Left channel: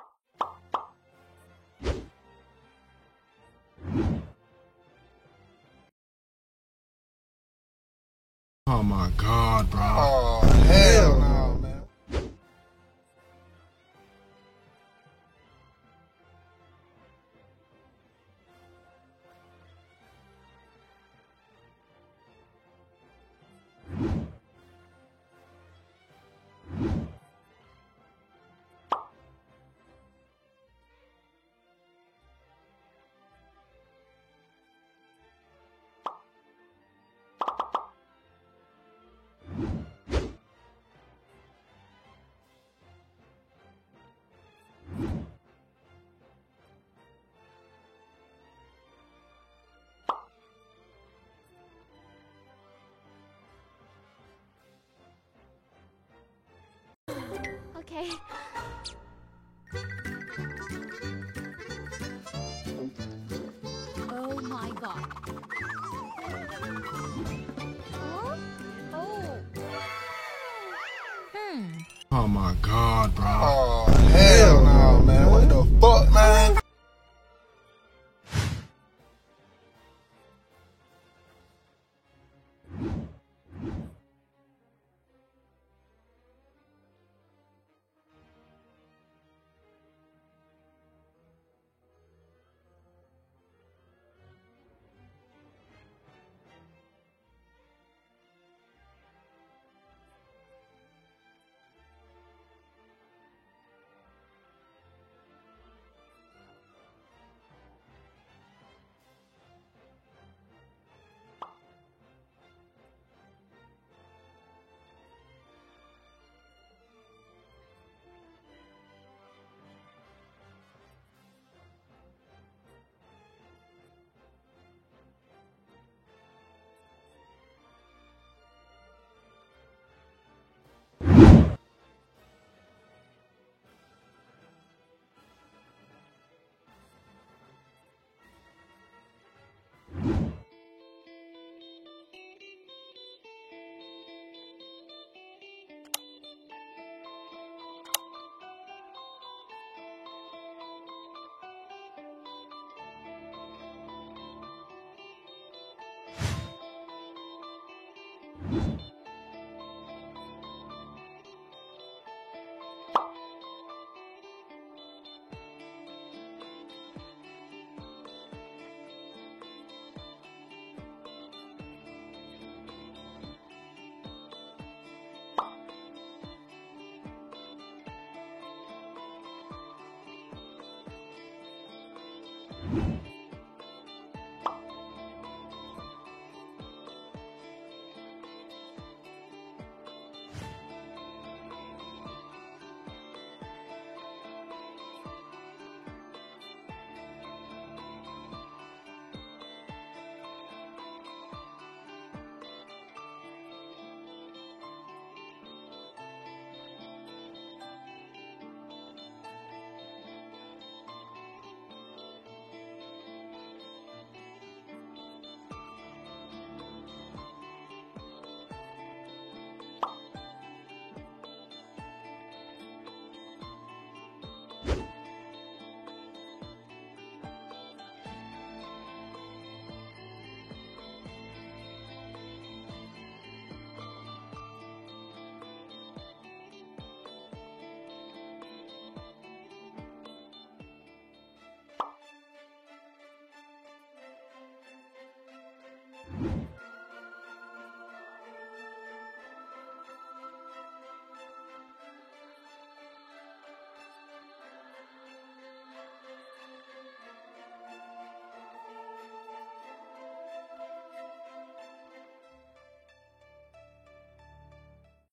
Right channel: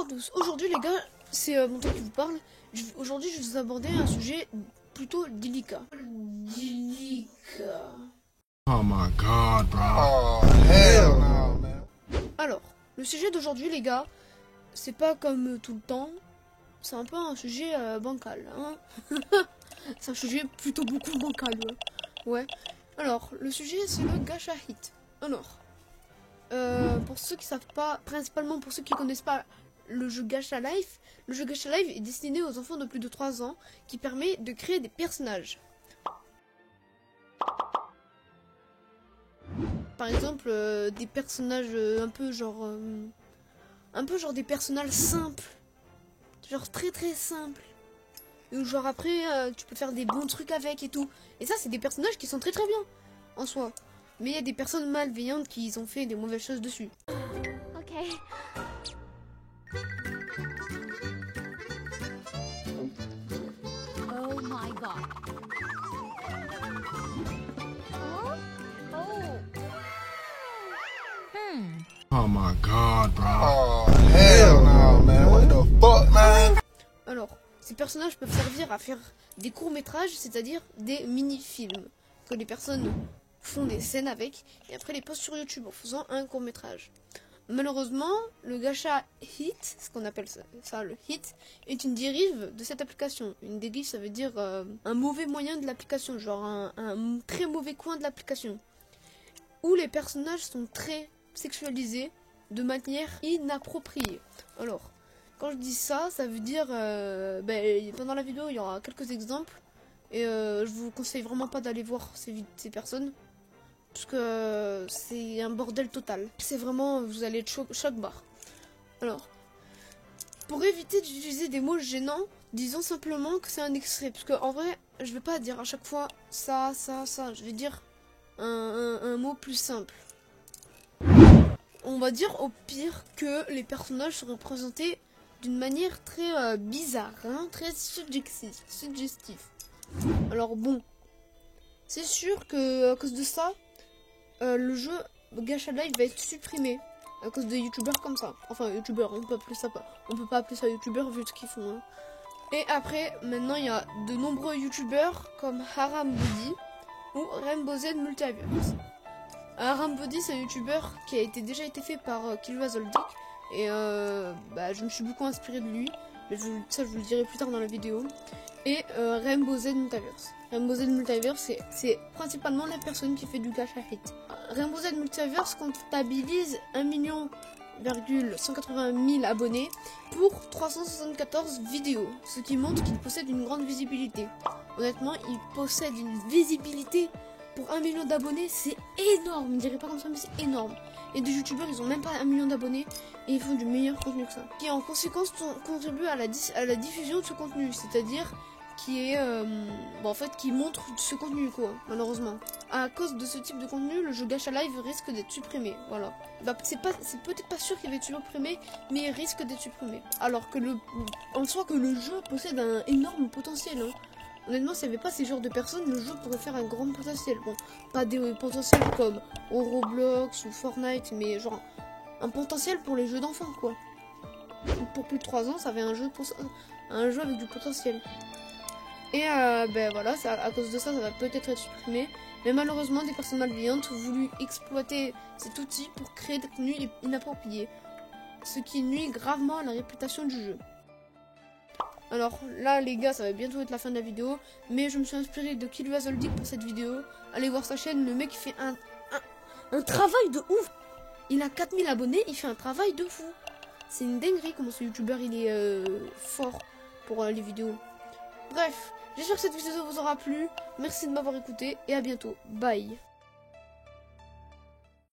Bonjour à tous, aujourd'hui les gars, c'est mon tour qui vous parle. Aujourd'hui je vais vous aborder un sujet plutôt délicat. Oh my god, bro. Oh, hell no, man. Alors, le sujet d'aujourd'hui les gars, c'est pas comme tout le temps, c'est un peu un sujet bancal. Hein. C'est un sujet plutôt beaucoup bancal. Ouais. Alors, le sujet c'est le gacha hit. Alors, pour ceux qui savent pas, principalement pour ceux qui connaissent pas le jeu Gacha Life, le jeu Gacha Life est destiné aux enfants de plus de 3 ans qui permet de créer des personnages. Par exemple, des personnages un peu genre des personnages simples. Genre très très simples. Ou genre après, tu peux faire des bons trucs avec et tout. Et ça, c'est des personnages qui sont très très bien en soi. Mais il y a des personnes malveillantes qui ont fait des mauvaises choses dessus. Ok. Oh my god. Huh? Oh. Oh my god, bro. Oh, hell no, man. What the fuck, man? Alors, ces personnages peuvent servir à faire des courts-métrages, c'est-à-dire des mini-films, que les personnes font des scènes avec, et après les postent sur YouTube en faisant un court-métrage. Malheureusement, le gacha hit, ce qu'on appelle ça le hit, est une dérive de cette application. Une dérive, ça veut dire un mauvais moyen de l'application, genre un très mauvais coin de l'application, où les personnages sont très sexualisés de manière inappropriée. Alors, quand je dis ça, ça veut dire, pendant la vidéo, il y aura quelques exemples. Et je vous conseille vraiment pas d'aller voir ces personnes. Parce que c'est un bordel total. C'est vraiment, vous allez être choc barre. Alors, pour éviter d'utiliser des mots gênants, disons simplement que c'est un extrait. Parce que en vrai, je vais pas dire à chaque fois ça. Je vais dire un mot plus simple. On va dire au pire que les personnages sont représentés d'une manière très bizarre, hein, très suggestif. Alors bon, c'est sûr que à cause de ça, le jeu Gacha Life va être supprimé à cause de youtubeurs comme ça. Enfin youtubeurs, on peut pas appeler ça youtubeurs vu ce qu'ils font. Hein. Et après, maintenant il y a de nombreux youtubeurs comme Haram Body ou Rainbow Z Multiverse. Haram Body, c'est un youtubeur qui a déjà été fait par Killwazoldik. Et je me suis beaucoup inspiré de lui. Mais ça, je vous le dirai plus tard dans la vidéo. Et Rainbow Z Multiverse. Rainbow Z Multiverse, c'est principalement la personne qui fait du gacha hit. Rainbow Z Multiverse comptabilise 1,180 000 abonnés pour 374 vidéos. Ce qui montre qu'il possède une grande visibilité. Honnêtement, il possède une visibilité pour 1 million d'abonnés, c'est énorme. Je ne dirais pas comme ça, mais c'est énorme. Et des youtubeurs, ils ont même pas 1 million d'abonnés et ils font du meilleur contenu que ça. Qui en conséquence contribue à la diffusion de ce contenu, c'est-à-dire qui est qui montre ce contenu quoi, malheureusement. À cause de ce type de contenu, le jeu Gacha Live risque d'être supprimé, voilà. C'est peut-être pas sûr qu'il va être supprimé, mais il risque d'être supprimé. Alors que on sait que le jeu possède un énorme potentiel, hein. Honnêtement, s'il n'y avait pas ces genres de personnes, le jeu pourrait faire un grand potentiel. Bon, pas des potentiels comme Roblox ou Fortnite, mais genre un potentiel pour les jeux d'enfants, quoi. Pour plus de 3 ans, ça avait un jeu avec du potentiel. Et voilà, à cause de ça, ça va peut-être être supprimé. Mais malheureusement, des personnes malveillantes ont voulu exploiter cet outil pour créer des contenus inappropriés. Ce qui nuit gravement à la réputation du jeu. Alors là les gars, ça va bientôt être la fin de la vidéo, mais je me suis inspiré de Killwazoldik pour cette vidéo. Allez voir sa chaîne, le mec il fait un travail de ouf. Il a 4000 abonnés, il fait un travail de fou. C'est une dinguerie comment ce youtubeur il est fort pour les vidéos. Bref, j'espère que cette vidéo vous aura plu. Merci de m'avoir écouté et à bientôt. Bye.